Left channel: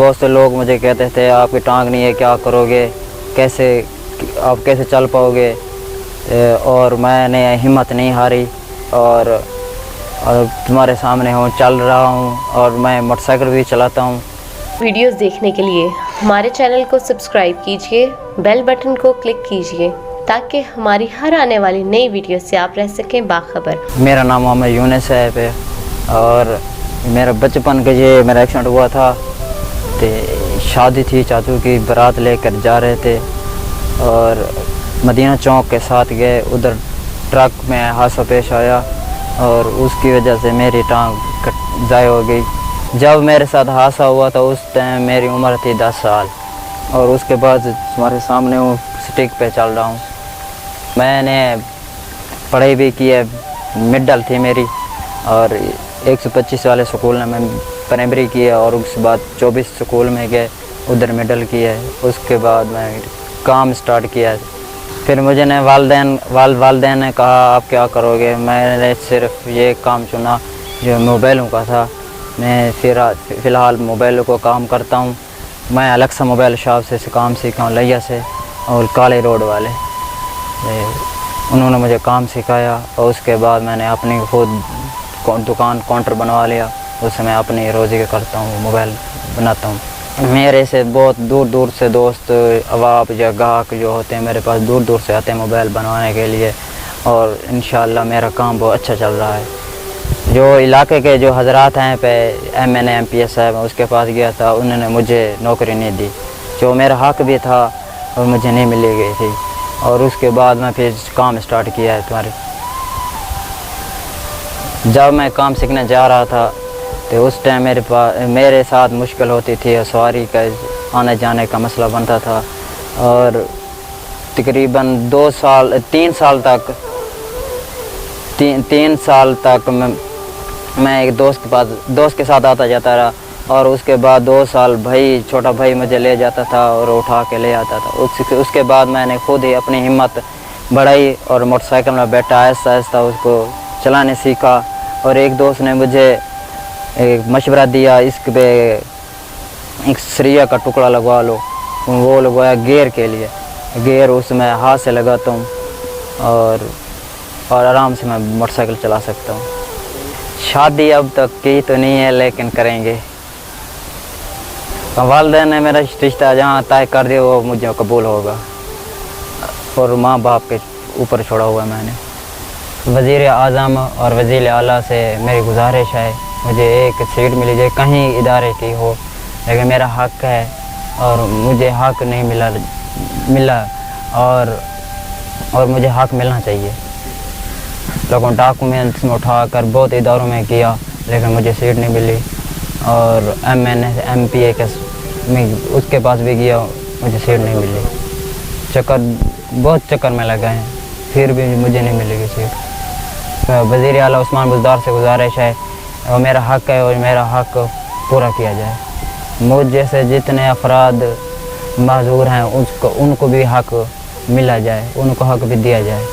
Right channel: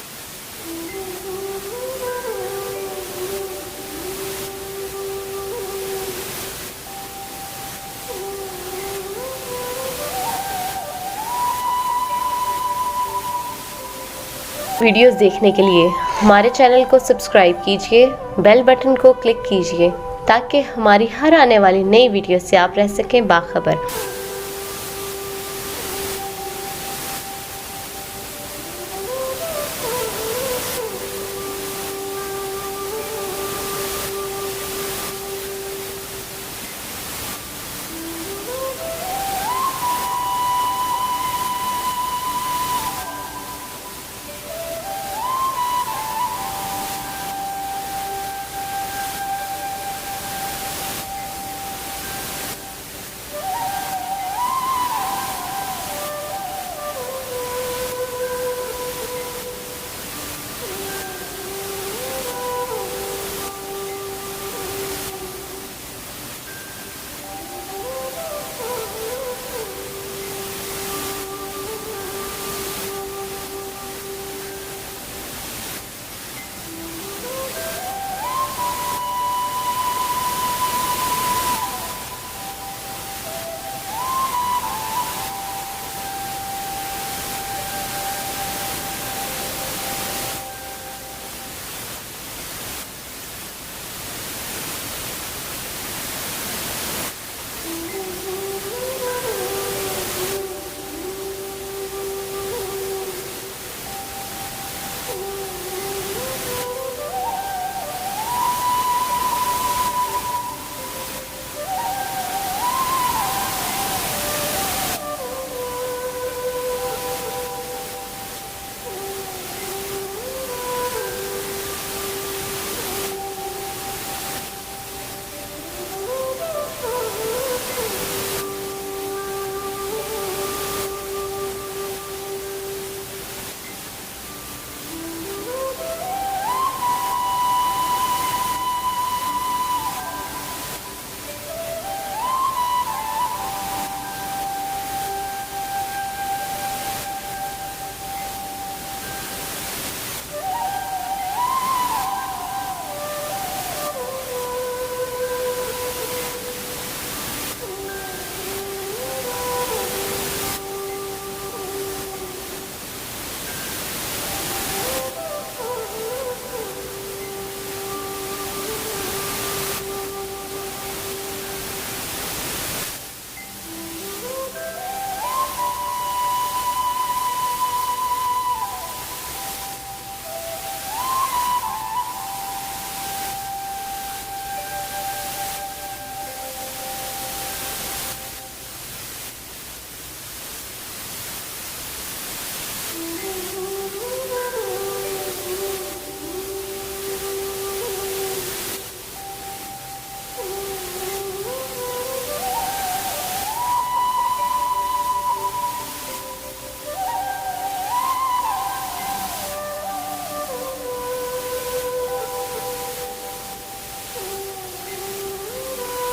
बहुत से लोग मुझे कहते थे आपकी टांग नहीं है, क्या करोगे, आप कैसे चल पाओगे। और मैंने हिम्मत नहीं हारी और तुम्हारे सामने हूँ, चल रहा हूँ और मैं मोटरसाइकिल भी चलाता हूँ। वीडियोस देखने के लिए हमारे चैनल को सब्सक्राइब कीजिए, बेल बटन को क्लिक कीजिए ताकि हमारी हर आने वाली नई वीडियो से आप रह सकें बाखबर। मेरा नाम मोहम्मद यूनुस है और मेरा बचपन के ये मेरा एक्सीडेंट हुआ था। तो शादी थी, चाचू की बारात लेकर जा रहे थे और मदीना चौक के साथ गए, उधर ट्रक में हादसा पेश आया और उसकी वजह से मेरी टांग ज़ाय हो गई। जब मेरे साथ हादसा हुआ था उस टाइम मेरी उम्र थी 10 साल और उसके बाद तुम्हारे सामने हूँ, स्टिक पे चल रहा हूँ। मैंने पढ़ाई भी की है, मिडल थी मेरी और 125 वाले स्कूल में मैं प्राइमरी की है और उसके बाद 24 स्कूल में गए, उधर मिडल की है। उसके बाद मैं काम स्टार्ट किया। फिर मुझे ने वालदेन ने कहा आप क्या करोगे। मैंने सिर्फ ये काम चुना जो मोबाइलों का था। मैं फ़िलहाल मोबाइलों को काम करता हूँ। मैं अलेक्सा मोबाइल शॉप से काम सीखा हूँ, लिया से और काले रोड वाले, उन्होंने मुझे काम सिखाया और उसके बाद मैंने अपनी खुद दुकान काउंटर बनवा लिया। उससे मैं अपनी रोज़ी करता हूँ, मोबाइल बनाता हूँ। मेरे से बहुत दूर दूर से दोस्त अवाब या गाहक जो होते हैं मेरे पास दूर दूर से आते हैं मोबाइल बनवाने के लिए और इंशाअल्लाह मेरा काम बहुत अच्छा चल रहा है। जो इलाके के जो हजरात हैं पे MNA MPS साहब, उसके पास गया था, उन्होंने मुझे नौकरी नहीं दी। जो मेरा हक भी था वो मुझे नहीं मिली गई थी और उसके बाद मैं फिर काम स्टार्ट किया है तुम्हारी। जब मैं काम सीखने जा रहा था तो उस टाइम मेरे साथ मुश्किल होती थी, सवारी का आने जाने का मसला बनता था और तकरीबन 3 साल तक मैं एक दोस्त के साथ आता जाता रहा और उसके बाद 2 साल छोटा भाई मुझे ले जाता था और उठा के ले आता था। उसके बाद मैंने खुद ही अपनी हिम्मत बढ़ाई और मोटरसाइकिल में बैठा आहिस्ता आहिस्ता उसको चलाने सीखा और एक दोस्त ने मुझे एक मशवरा दिया, इस पे एक सरिया का टुकड़ा लगवा लो। वो लगवाया गियर के लिए, गियर उसमें हाथ से लगाता हूँ और आराम से मैं मोटरसाइकिल चला सकता हूँ। शादी अब तक की तो नहीं है लेकिन करेंगे। वालिदैन ने मेरा रिश्ता जहाँ तय कर दिया वो मुझे कबूल होगा और माँ बाप के ऊपर छोड़ा हुआ मैंने। वज़ीर आज़म और वज़ीर आला से मेरी गुजारिश है मुझे एक सीट मिली जाए कहीं इदारे की हो, लेकिन मेरा हक है और मुझे हक नहीं मिला और मुझे हक मिलना चाहिए। लोगों डॉक्यूमेंट्स में उठा कर बहुत इदारों में किया लेकिन मुझे सीट नहीं मिली और MNA MPA के उसके पास भी गया, मुझे सीट नहीं मिली। बहुत चक्कर में लगा है फिर भी मुझे नहीं मिलेगी सीट। तो वज़ीर आला उस्मान बुज़दार से गुजारिश है और मेरा हक है और मेरा हक पूरा किया जाए। मुझ जैसे जितने अफराद माज़ूर हैं उनको भी हक मिला जाए, उनको हक भी दिया जाए।